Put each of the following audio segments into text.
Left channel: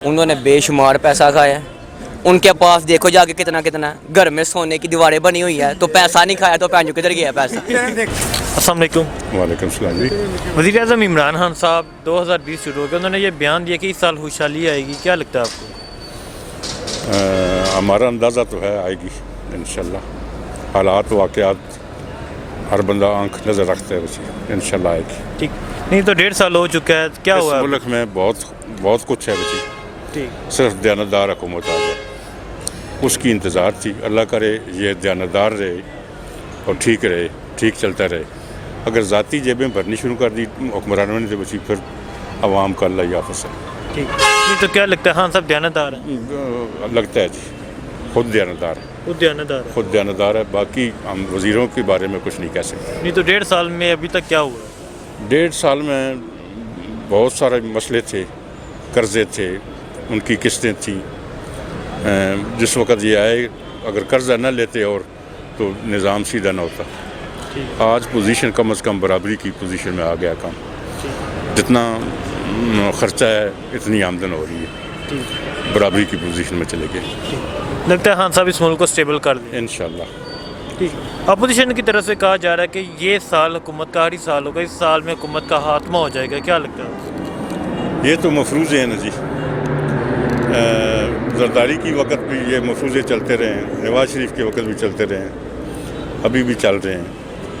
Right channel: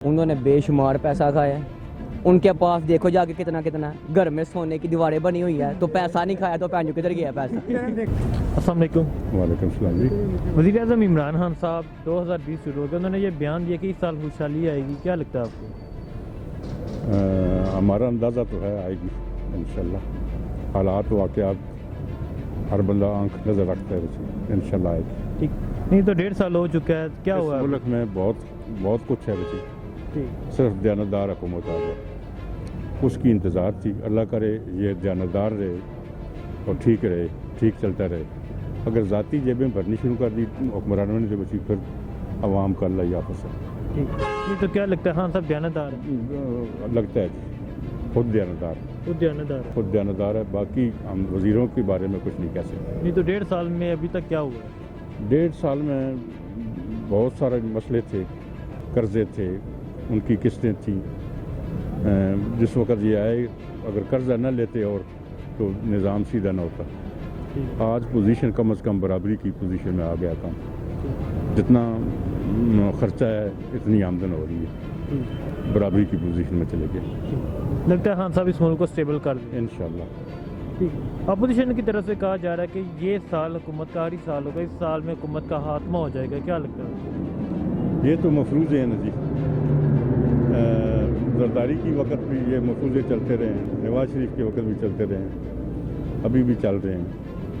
انہوں نے بے شمار پیسہ کھایا ہے. ان کے پاس دیکھو جا کے کتنا کتنا گھر میں سونے کی دیواریں بنی ہوئی ہے, تو پیسہ نہیں کھایا تو پہنچو کدھر گیا پیسہ. السلام علیکم. وعلیکم السلام جی. وزیر اعظم عمران خان صاحب 2020 شروع ہو گیا, انہوں نے یہ بیان دیا کہ اس سال خوشحالی آئے گی, کیا لگتا ہے آپ کو؟ ہمارا اندازہ تو ہے آئے گی انشاءاللہ. حالات واقعات ہر بندہ آنکھ نظر رکھتا ہے اسی, انشاءاللہ آئے گی. ٹھیک نہیں تو 1.5 سال ہو چکا ہے, کیا ہوا اس ملک میں بہت کچھ ہے بچی, ٹھیک صرف دیانتدار حکومت آ جائے اس کی انتظار تھی. اللہ کرے یہ دیانتدار رہے اور ٹھیک رہے, ٹھیک چلتا رہے. اگر ذاتی جیبیں بھرنی شروع کر دی حکمرانوں نے تو بچی پھر عوام کا اللہ یافس ہے. ٹھیک نہیں تو کیا لگتا ہے خان صاحب دیانتدار ہیں؟ لگتا ہے جی خود دیانتدار ہے, خود دیانتدار ہے. خود دیانتدار ہے. باقی ہم وزیروں کے بارے میں کچھ نہیں کہہ سکتے. نہیں تو 1.5 سال میں ابھی تک کیا ہوا؟ 1.5 سال میں بہت سارے مسئلے تھے, قرضے تھے, ان کی قسطیں تھیں. جس وقت یہ آئے اگر قرضہ نہ لیتے اور تو نظام سیدھا نہ ہوتا. آج پوزیشن کم از کم برابری کی پوزیشن میں آ گیا کام. جتنا خرچہ ہے اتنی آمدن ہو رہی ہے, برابری کی پوزیشن میں چلے گئے. لگتا ہے خان صاحب اس ملک کو اسٹیبل کر دیں انشاءاللہ. ٹھیک. اپوزیشن کی طرف سے کہا جا رہا ہے کہ یہ سال حکومت کا آخری سال ہوگا, اس سال میں حکومت کا خاتمہ ہو جائے گا, کیا لگتا ہے؟ یہ تو مفروضے ہیں نا جی. زرداری کی وقت بھی یہ مفروضے چلتے رہے ہیں, نواز شریف کے وقت بھی چلتے رہے ہیں, ابھی بھی چل رہے ہیں,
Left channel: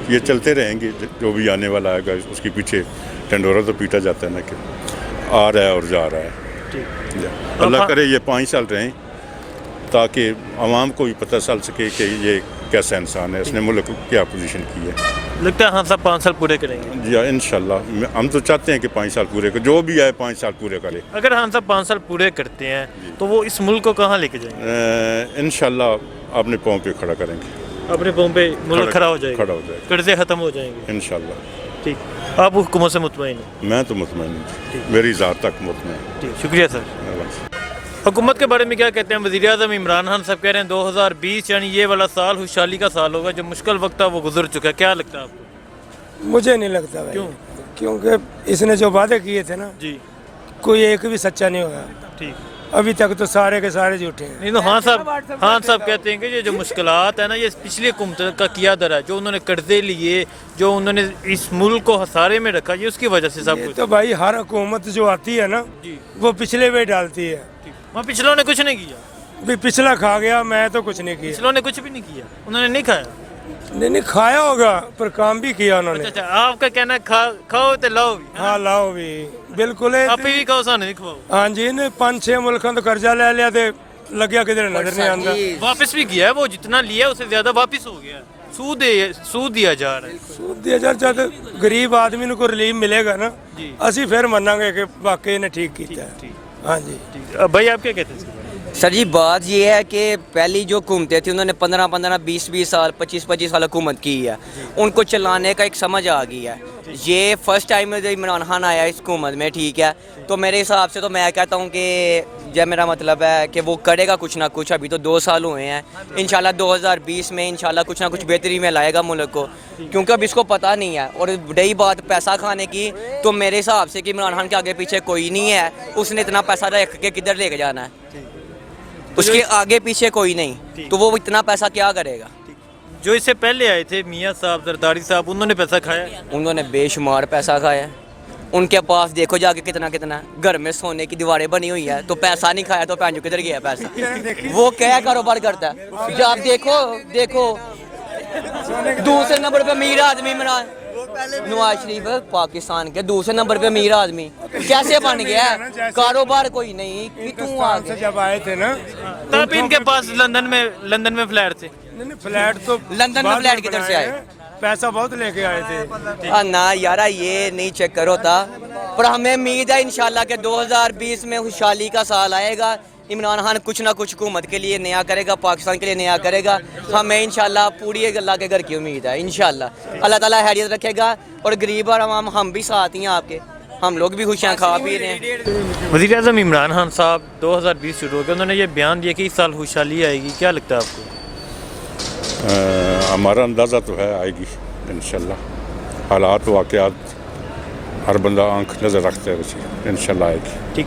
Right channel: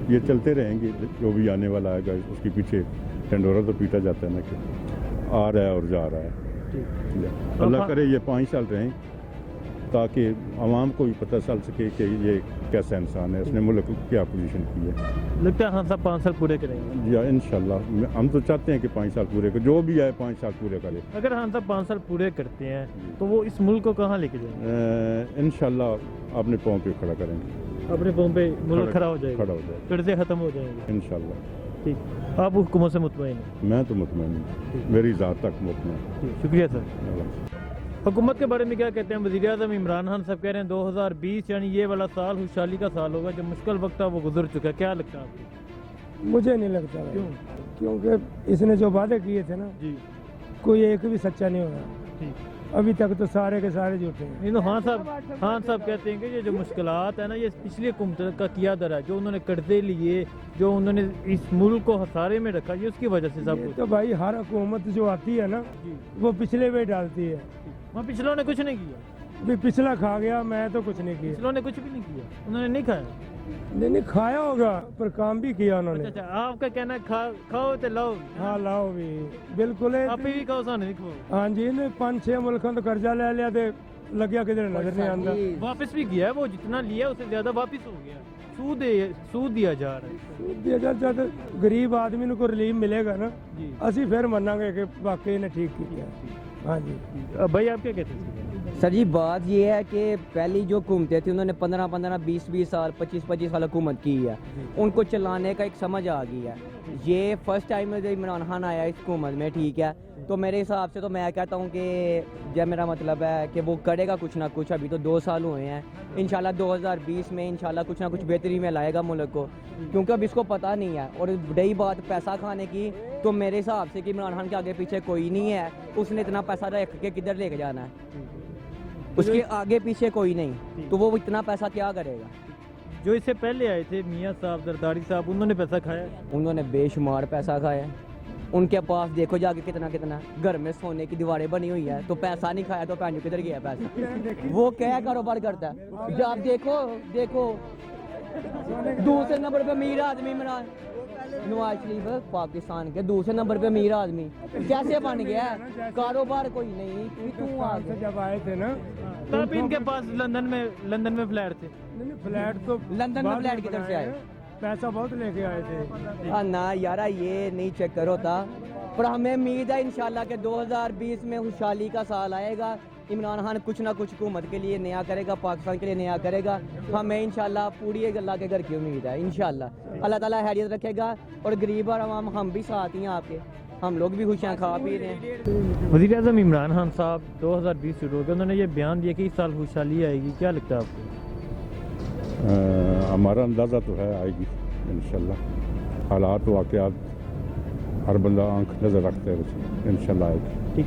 یہ چلتے رہیں گے. جو بھی آنے والا آئے گا اس کے پیچھے ڈنڈورا تو پیٹا جاتا ہے نا کہ آ رہا ہے اور جا رہا ہے. اللہ کرے یہ 5 سال رہیں تاکہ عوام کو بھی پتہ چل سکے کہ یہ کیسا انسان ہے, اس نے ملک کیا پوزیشن کی ہے. لگتا ہے خان صاحب 5 سال پورے کریں گے؟ جی انشاءاللہ. ہم تو چاہتے ہیں کہ 5 سال پورے کرے, جو بھی آئے 5 سال پورے کرے. اگر خان صاحب 5 سال پورے کرتے ہیں تو وہ اس ملک کو کہاں لے کے جائیں گے؟ انشاءاللہ اپنے پاؤں پہ کھڑا کریں گے. اپنے پاؤں پہ ملک کھڑا ہو جائے گا, کھڑا ہو جائے گا, قرضے ختم ہو جائیں گے انشاءاللہ. ٹھیک. آپ حکومت سے مطمئن ہیں؟ میں تو مطمئن ہوں, میری ذات تک مطمئن. ٹھیک, شکریہ سر. حکومت کے بارے میں کیا کہتے ہیں وزیر اعظم عمران خان صاحب؟ کہہ رہے ہیں 2020 یعنی یہ والا سال خوشحالی کا سال ہوگا, جو مشکل وقت تھا وہ گزر چکا ہے, کیا لگتا ہے آپ کو؟ مجھے نہیں لگتا بھائی. کیونکہ اس نے جو وعدے کیے تھے نا جی کوئی ایک بھی سچا نہیں ہوگا. ٹھیک. ابھی تک تو سارے کے سارے جھوٹے ہیں. نہیں تو خان صاحب کہتے ہیں کہ یہ جو مشکلات ہیں نا, یہ پچھلی حکومت کا کیا در ہے, جو انہوں نے قرضے لیے, جو انہوں نے اس ملک کو خسارے میں رکھا, یہ اس کی وجہ سے سب کچھ. تو بھائی ہر حکومت جو آتی ہے نا جی وہ پچھلے پہ ڈالتی ہے. وہاں پچھلوں نے کچھ نہیں کیا. بھی پچھلا کھا گیا, میں تو کچھ نہیں کیا. پچھلوں نے کچھ بھی نہیں کیا, انہوں نے نہیں کھایا. نہیں کھایا ہوگا پر کام بھی کیا انہوں نے. اچھا, آپ کا کہنا ہے کھاؤ تو لاؤ بھی. ہاں لاؤ بھی بالکل. آپ بھی کہو سانو نہیں کھواؤ. ہاں جی, 5-6 ملکوں تو قرضہ لے لیا تے لگیا کدھر نظر نہیں آتا. واپس بھی کیا ہے, وہ جتنا لیا اسے زیادہ واپس ہو گیا. سود دیا جا رہا ہے. سود دیا جا رہا ہے. غریب آدمی کو ریلیف ملے گا نا, اسی پھر مننا گے کہ واقعی نے ٹھیک کیا ہے. ہاں جی. بھائی آپ کیا کہتے ہیں؟ سر جی بات یہ ہے کہ پہلی جو حکومتیں تھیں انہوں نے 15 20 سال 25 سال حکومت کی ہے, ان کو چلانے کا ایک سمجھ آ گئی ہے. یہ فرسٹ ٹائم جب عمران خان آیا اس حکومت میں, ٹھیک ہے, تو میرے حساب سے تو میں کہتا ہوں کہ جب میرا مطلب ہے کہ وہ کرے گا کچھ نہ کچھ. ابھی تو 2 سال ہوئے ہیں, انشاءاللہ 2020 میں انشاءاللہ کچھ نہ کچھ بہتری میں لائے گا ملک کو, کیونکہ اب اس کو پتہ نہیں ہے. اور رہی بات پیسہ کھانے کی, تو میرے حساب سے کہ عمران خان کے آگے پیچھے کوئی نہیں ہے, اس نے اتنا پیسہ رکھ کے کدھر لے کے جانا ہے, اس کے آگے پیچھے کوئی نہیں, تو وہ اتنا پیسہ کیا کرے گا. جو اس سے پہلے آئے تھے میاں صاحب, زرداری صاحب, انہوں نے پیسہ کھایا. انہوں نے بے شمار پیسہ کھایا ہے. ان کے پاس دیکھو جا کے کتنا کتنا گھر میں سونے کی دیواریں بنی ہوئی ہے, تو پیسہ نہیں کھایا تو پہنچو کدھر گیا پیسہ. وہ کیا کاروبار کرتا ہے, جب آپ دیکھو دوسرے نمبر پہ امیر آدمی نواز شریف پاکستان کے دوسرے نمبر پہ امیر آدمی کیسے بن گیا ہے, کاروبار کوئی نہیں. جب آئے تھے نا تب ان کے پاس لندن میں فلیٹ تھے. فلیٹ تو لندن میں فلیٹ کدھر سے آئے, پیسہ بہت لے کے آئے تھے. نہ یارا یہ نہیں چیک کرو تھا, پر ہمیں امید ہے انشاءاللہ کہ 2020 میں خوشحالی کا سال آئے گا. عمران خان کچھ نہ کچھ حکومت کے لیے نیا کرے گا, پاکستان کے لیے نیا کرے گا. ہمیں انشاءاللہ پوری اللہ کے گھر کی امید ہے. انشاءاللہ اللہ تعالیٰ خیریت رکھے گا, اور غریب اور عوام ہم بھی ساتھ ہیں آپ کے, ہم لوگ بھی خوشیاں کھا پی رہے ہیں. وزیر اعظم عمران خان صاحب 2020 شروع ہو گیا, انہوں نے یہ بیان دیا کہ اس سال خوشحالی آئے گی, کیا لگتا ہے آپ کو؟ ہمارا اندازہ تو ہے آئے گی انشاءاللہ. حالات واقعات ہر بندہ آنکھ نظر رکھتا ہے اسی, انشاءاللہ آئے گی. ٹھیک.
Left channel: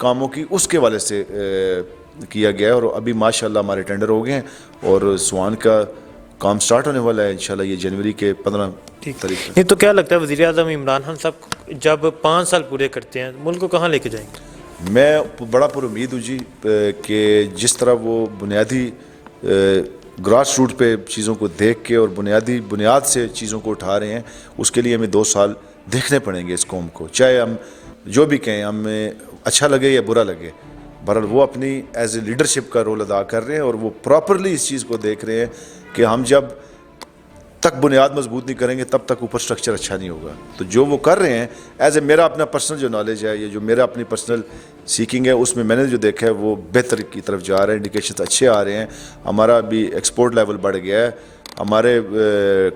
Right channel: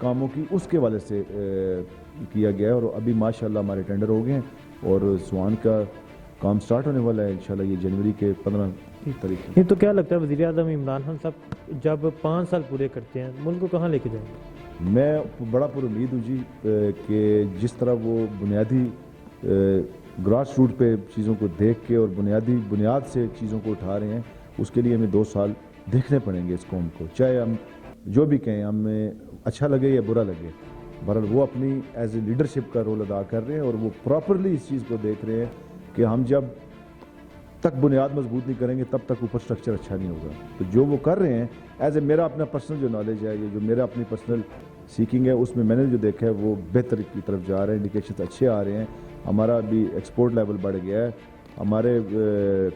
کاموں کی اس کے والے سے کیا گیا ہے، اور ابھی ماشاءاللہ ہمارے ٹینڈر ہو گئے ہیں اور سوان کا کام سٹارٹ ہونے والا ہے انشاءاللہ یہ جنوری کے 15 تاریخ سے۔ نہیں تو کیا لگتا ہے وزیر اعظم عمران خان صاحب جب 5 سال پورے کرتے ہیں ملک کو کہاں لے کے جائیں گے؟ میں بڑا پر امید ہوں جی کہ جس طرح وہ بنیادی گراس روٹ پہ چیزوں کو دیکھ کے اور بنیاد سے چیزوں کو اٹھا رہے ہیں، اس کے لیے ہمیں 2 سال دیکھنے پڑیں گے اس قوم کو، چاہے ہم جو بھی کہیں ہمیں اچھا لگے یا برا لگے۔ بہرحال وہ اپنی ایز اے لیڈرشپ کا رول ادا کر رہے ہیں اور وہ پراپرلی اس چیز کو دیکھ رہے ہیں کہ ہم جب تک بنیاد مضبوط نہیں کریں گے تب تک اوپر سٹرکچر اچھا نہیں ہوگا۔ تو جو وہ کر رہے ہیں ایز اے میرا اپنا پرسنل جو نالج ہے، یہ جو میرا اپنی پرسنل سیکنگ ہے، اس میں نے جو دیکھا ہے وہ بہتر کی طرف جا رہے ہیں، انڈیکیشنز اچھے آ رہے ہیں، ہمارا بھی ایکسپورٹ لیول بڑھ گیا ہے، ہمارے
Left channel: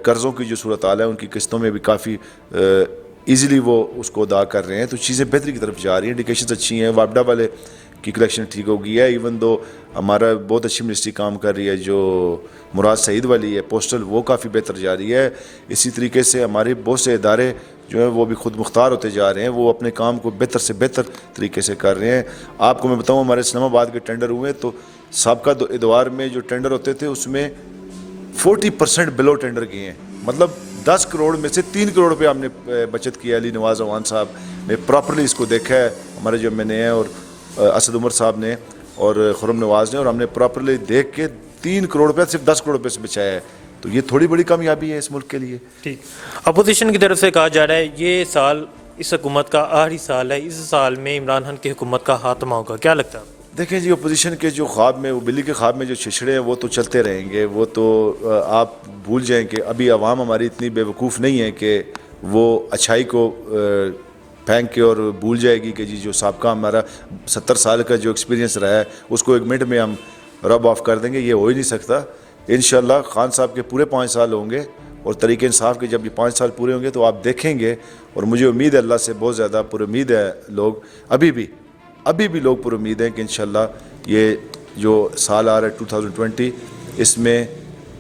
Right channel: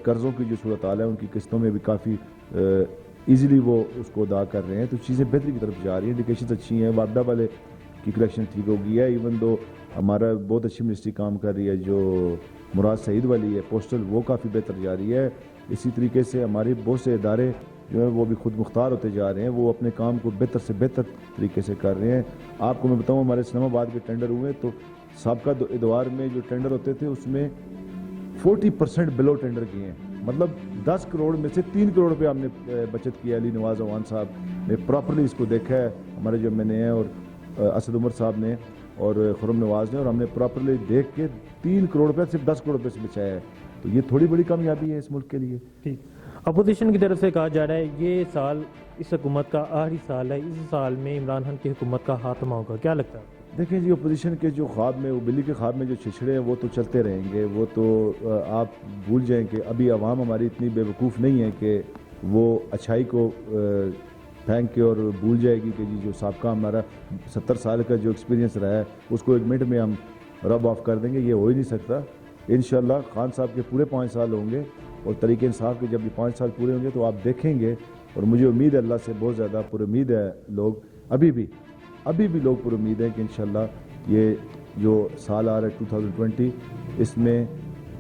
قرضوں کی جو صورتحال ہے ان کی قسطوں میں بھی کافی ایزیلی وہ اس کو ادا کر رہے ہیں، تو چیزیں بہتری کی طرف جا رہی ہیں، انڈیکیشنز اچھی ہیں، واپڈا والے کی کلیکشن ٹھیک ہو گئی ہے، ایون دو ہمارا بہت اچھی منسٹری کام کر رہی ہے جو مراد سعید والی ہے پوسٹل، وہ کافی بہتر جا رہی ہے۔ اسی طریقے سے ہمارے بہت سے ادارے جو ہیں وہ بھی خود مختار ہوتے جا رہے ہیں، وہ اپنے کام کو بہتر سے بہتر طریقے سے کر رہے ہیں۔ آپ کو میں بتاؤں ہمارے اسلام آباد کے ٹینڈر ہوئے تو سابقہ ادوار میں جو ٹینڈر ہوتے تھے اس میں 40% بلو ٹینڈر کیے ہیں، مطلب 10 کروڑ میں سے 3 کروڑ روپے ہم نے بچت کی ہے۔ علی نواز اوان صاحب نے پراپرلی اس کو دیکھا ہے، ہمارے جو میں نے ہیں اور اسد عمر صاحب نے اور خرم نواز نے، اور ہم نے پراپرلی دیکھ کے 3 کروڑ روپے صرف 10 کروڑ روپے سے بچایا ہے، تو یہ تھوڑی بڑی کامیابی ہے اس ملک کے لیے۔ ٹھیک، اپوزیشن کی طرف سے کہا جا رہا ہے یہ سال اس حکومت کا آخری سال ہے، اس سال میں عمران خان کی حکومت کا خاتمہ ہوگا، کیا لگتا ہے؟ دیکھیں جی اپوزیشن کے جو خواب میں وہ بلی کے خواب میں جو چھچڑے ہیں وہ تو چلتے رہیں گے، وہ تو آپ بھول جائیں کہ ابھی عوام ہماری اتنی بے وقوف نہیں ہے کہ وہ اچھائی کو پھینک کے اور بھول جائے گی کہ جی جو سابقہ ہمارا 70 سال کا جو ایکسپیرینس رہا ہے اس کو 1 منٹ میں ہم رب آف کر دیں گے، یہ ہو ہی نہیں سکتا۔ انشاءاللہ خان صاحب کے پورے 5 سال ہوں گے اور طریق انصاف کے جب یہ 5 سال پورے ہوں گے تو آپ دیکھیں گے، اور مجھے امید ہے اللہ سے بہت زیادہ پر امید ہے، لوگ ابھی بھی لوگ پر امید ہیں کہ انشاءاللہ یہ جو سال آ رہا ہے 2020 اس میں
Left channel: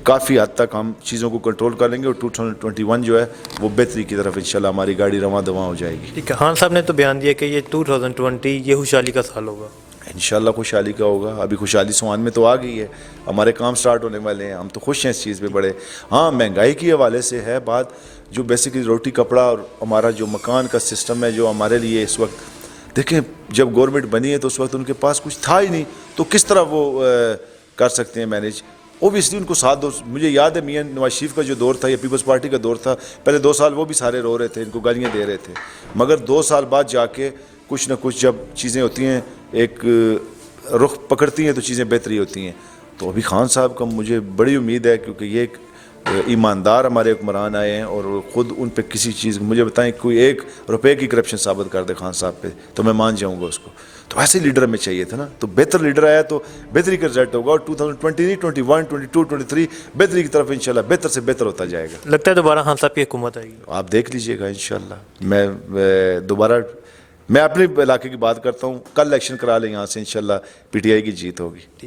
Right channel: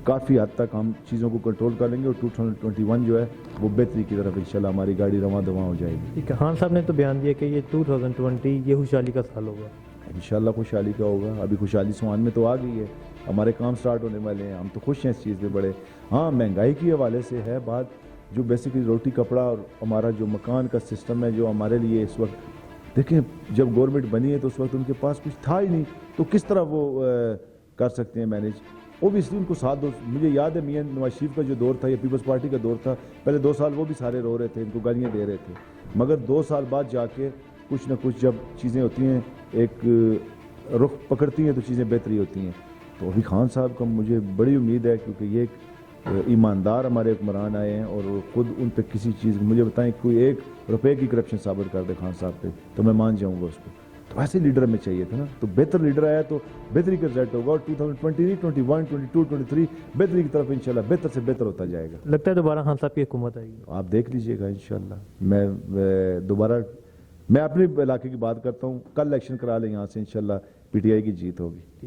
کافی حد تک ہم چیزوں کو کنٹرول کر لیں گے اور 2021 جو ہے وہ بہتری کی طرف انشاءاللہ ہماری گاڑی رواں دواں ہو جائے گی۔ ٹھیک ہے، خان صاحب نے تو بیان دیا کہ یہ 2020 یہ خوشحالی کا سال ہوگا۔ انشاءاللہ خوشحالی کا ہوگا، ابھی خوشحالی سوان میں تو آ گئی ہے، ہمارے کام سٹارٹ ہونے والے ہیں، ہم تو خوش ہیں اس چیز پہ بڑے۔ ہاں مہنگائی کے حوالے سے ہے بات، جو بیسیکلی روٹی کپڑا اور ہمارا جو مکان کا سسٹم ہے جو ہمارے لیے اس وقت، دیکھیں جب گورنمنٹ بنی ہے تو اس وقت ان کے پاس کچھ تھا ہی نہیں، تو کس طرح وہ کر سکتے ہیں مینیج؟ اوبیسلی ان کو ساتھ دو، مجھے یاد ہے میاں نواز شریف کا جو دور تھا یا پیپلز پارٹی کا دور تھا، پہلے 2 سال وہ بھی سارے رو رہے تھے، ان کو گالیاں دے رہے تھے، مگر 2 سال بعد جا کے کچھ نہ کچھ جب چیزیں ہوتی ہیں ایک رخ پکڑتی ہیں تو چیزیں بہتری ہوتی ہیں۔ تو ابھی خان صاحب کا مجھے بڑی امید ہے کیونکہ یہ ایک ایماندار ہمارے حکمران آئے ہیں اور خود ان پہ کسی چیز مجھے بتائیں کوئی 1 روپے کی کرپشن ثابت کر دے خان صاحب پہ تو میں مان جاؤں گا اس کو، تو ایسے لیڈر ہمیں چاہیے تھا نا، تو بہتر لیڈر آیا تو بہتری کا رزلٹ ہوگا، اور 2020 21 22 23 بہتری کی طرف انشاءاللہ بہتر سے بہتر ہوتا جائے گا۔ لگتا ہے دوبارہ خان صاحب کی حکومت آئے گی؟ آپ دیکھ لیجئے گا انشاءاللہ۔ میں اپنے علاقے کی بات کرتا ہوں، کل الیکشن کرا لیں یہاں سے انشاءاللہ پی ٹی آئی کی جیت ہوگی۔